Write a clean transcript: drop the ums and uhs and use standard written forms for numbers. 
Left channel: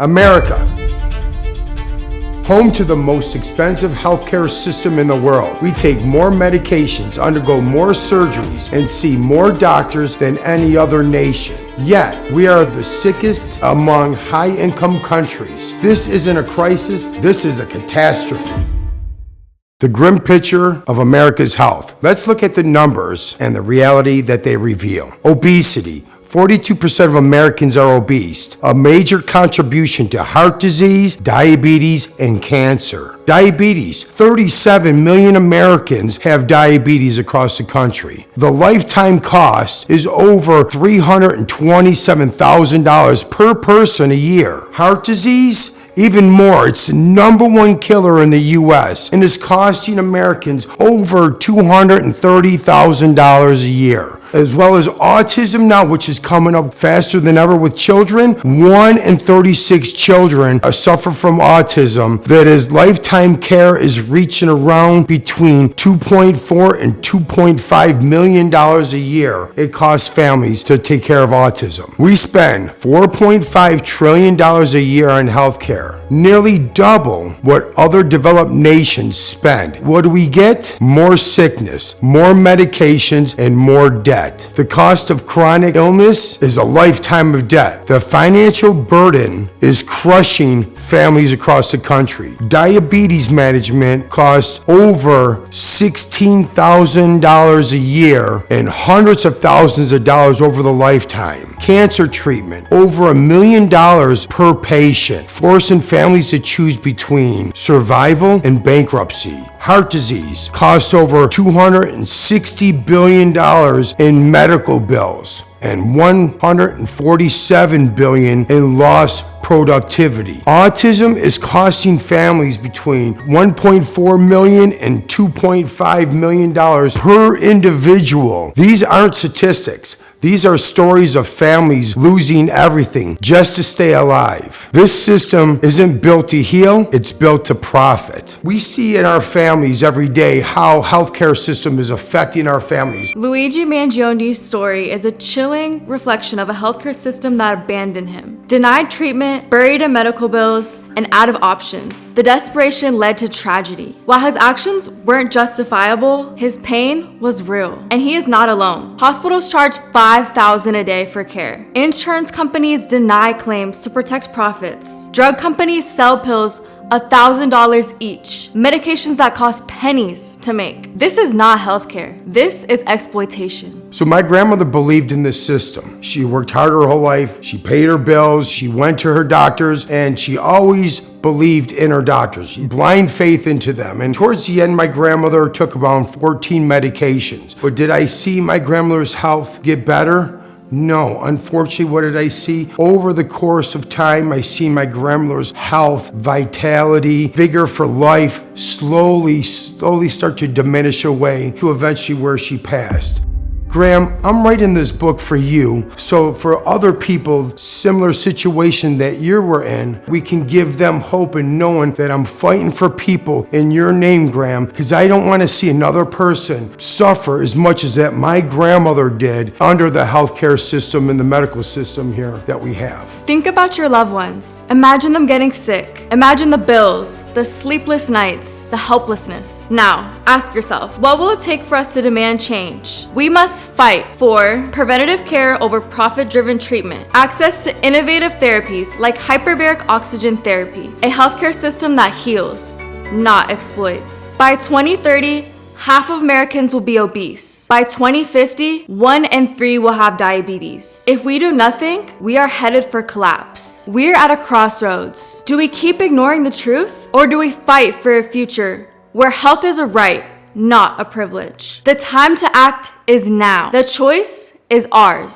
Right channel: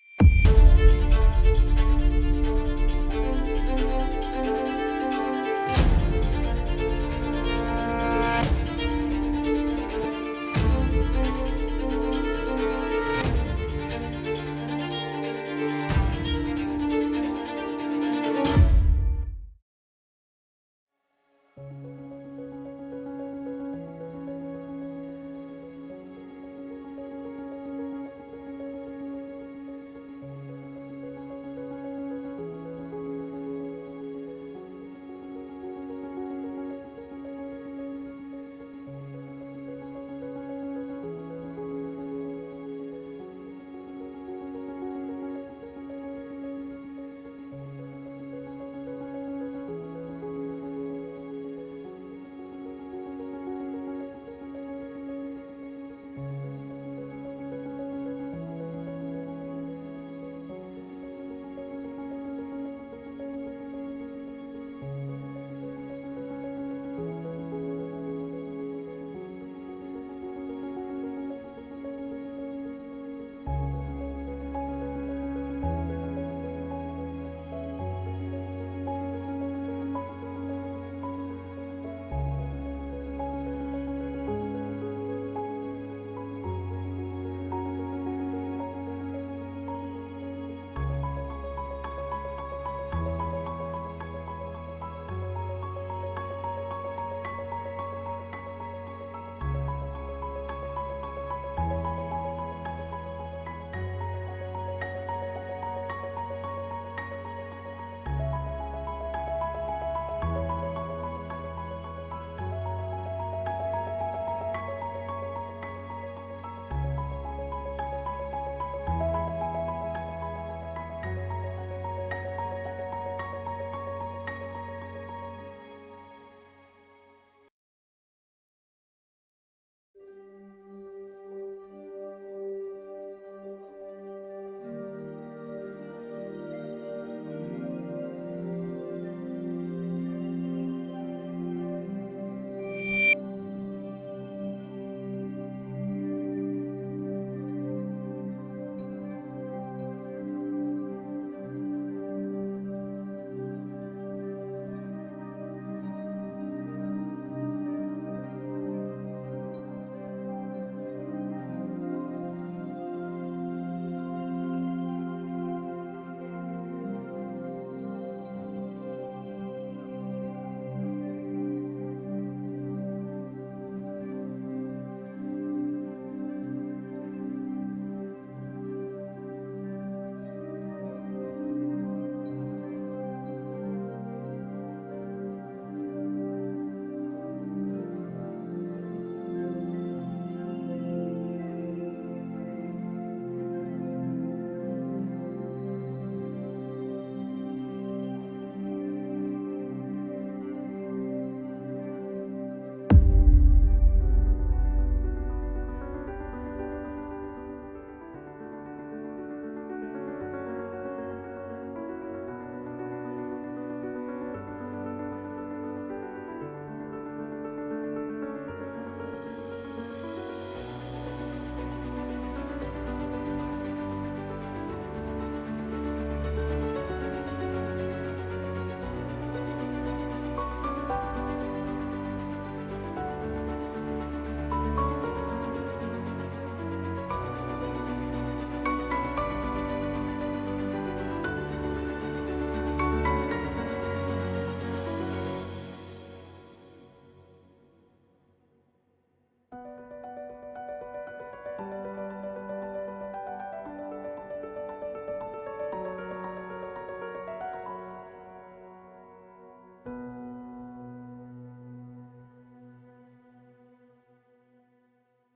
America, home to the most expensive healthcare system in the world. We take more medications, undergo more surgeries, and see more doctors than any other nation. Yet, we are the sickest among high-income countries. This isn't a crisis, this is a catastrophe. The grim picture of America's health. Let's look at the numbers and the reality that they reveal. Obesity. 42% of Americans are obese, a major contribution to heart disease, diabetes, and cancer. Diabetes, 37 million Americans have diabetes across the country. The lifetime cost is over $327,000 per person a year. Heart disease, even more. It's the #1 killer in the U.S. and is costing Americans over $230,000 a year. As well as autism now, which is coming up faster than ever with children. 1 in 36 children suffer from autism. That is, lifetime care is reaching around between $2.4 and $2.5 million a year. It costs families to take care of autism. We spend $4.5 trillion a year on healthcare, nearly double what other developed nations spend. What do we get? More sickness, more medications, and more debt. The cost of chronic illness is a lifetime of debt. The financial burden is crushing families across the country. Diabetes management costs over $16,000 a year and hundreds of thousands of dollars over the lifetime. Cancer treatment, over $1 million per patient, forcing families to choose between survival and bankruptcy. Heart disease costs over $260 billion in medical bills and $147 billion in lost productivity. Autism is costing families between $1.4 million and $2.5 million per individual. These aren't statistics. These are stories of families losing everything just to stay alive. This system isn't built to heal, it's built to profit. We see in our families every day how healthcare system is affecting our families. Luigi Mangione's story is a chilling reflection of a healthcare system that abandoned him. Denied treatment, buried in medical bills, and out of options. The desperation led to tragedy. While his actions weren't justifiable, his pain was real. And he is not alone. Hospitals charge $5,000 a day for care. Insurance companies deny claims to protect profits. Drug companies sell pills $1,000 each. Medications that cost pennies to make. This is not healthcare. This is exploitation. So my grandmother believed in this system. She worked hard her whole life. She paid her bills. She went to her doctors, and she always believed in her doctors. Blind faith into them. And towards the end, my grandmother took around 14 medications. But did I see my grandmother's health get better? No, unfortunately, what did I see? Over the course of time, I see my grandmother's health, vitality, vigor for life slowly start to diminish away to eventually where she passed. Graham, I'm writing this book for you, so for other people, similar situation that you were in, we can give them hope and knowing that I'm fighting for people in your name, Graham, because I don't want to see another person suffer as much as that my grandmother did under the healthcare system and the medical system here that we have. Think about your loved ones. Imagine them getting sick. Imagine the bills, the sleepless nights, the helplessness. Now, ask yourself, what will it take for us to demand change? We must fight for preventative care over profit-driven treatment, access to innovative therapies like hyperbaric oxygen therapy, a healthcare system that heals, not exploits. By 2030, half of Americans will be obese. By 2050, 1 in 3 will have diabetes. If we do nothing, we are headed for collapse. We're at a crossroads. Do we keep ignoring the truth, or do we fight for a future where health is a right, not a privilege? The time to act is now. The choice is ours.